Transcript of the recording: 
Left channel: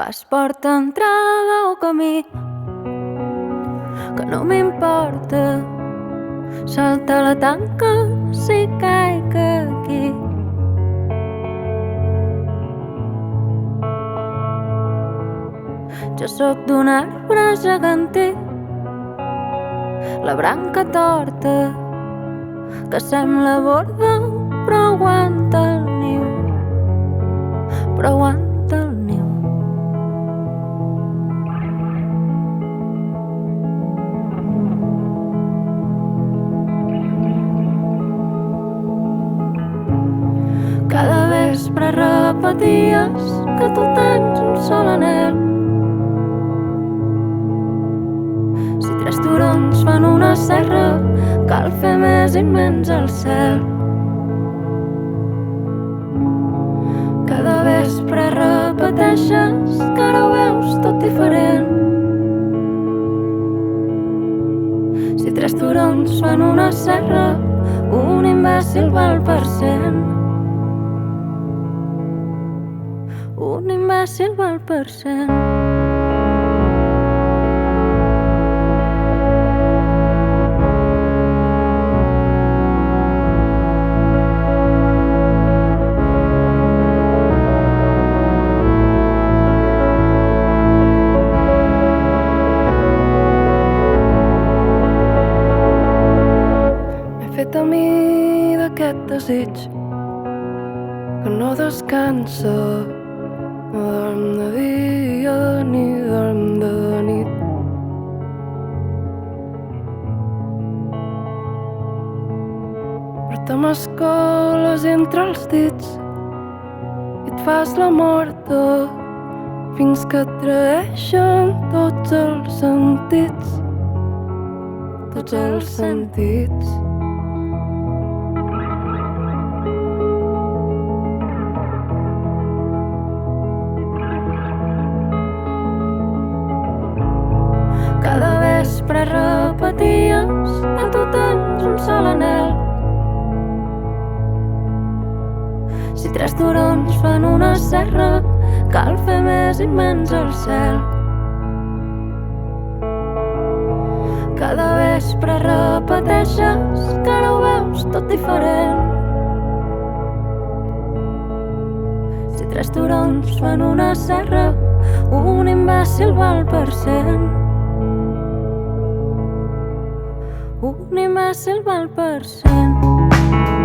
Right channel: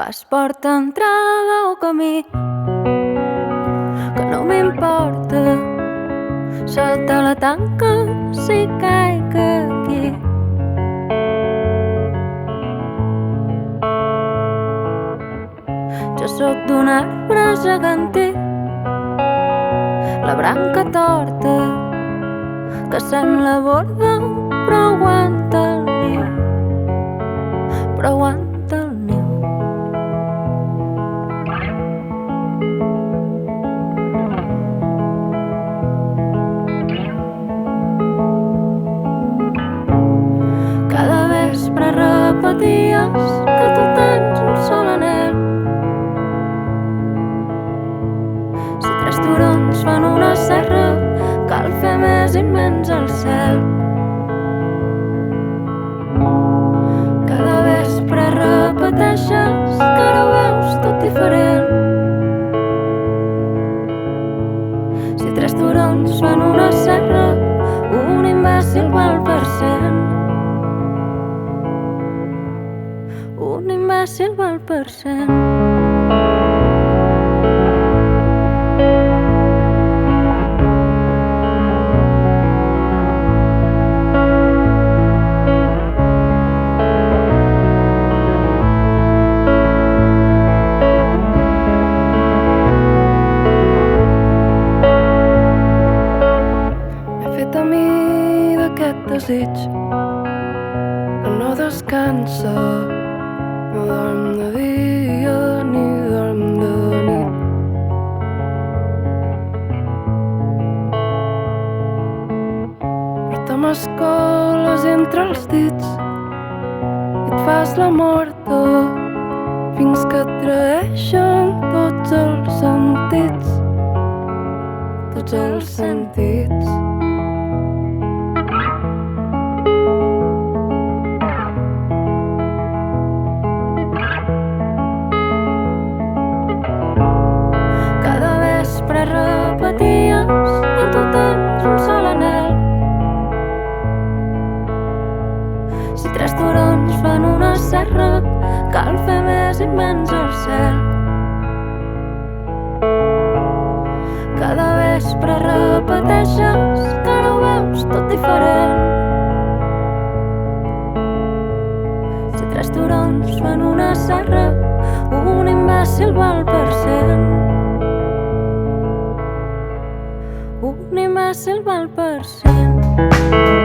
Pas, porta, entrada o camí, que no m'importa saltar la tanca si caic aquí. Jo sóc d'un arbre gegantí, la branca torta que sembla borda però aguanta el niu, però aguanta el niu. Cada vespre repeties que tu tens un sol anhel. Si tres turons fan una serra, cal fer més immens el cel. Cada vespre repeteixes que ara ho veus tot diferent. Si tres turons fan una serra, un imbècil val per 100. Un imbècil val per 100. M'he fet a mi d'aquest desig que no descansa, no dorm de dia ni dorm de nit. Però te m'escoles entre els dits i et fas la morta fins que et traeixen tots els sentits, tots els sentits. Cada vespre repeties que tu tens un sol anhel. Si tres turons fan una serra, cal fer més immens el cel. Cada vespre repeteixes que ara ho veus tot diferent. Si tres turons fan una serra, un imbècil val per 100. Un imbècil val per 100.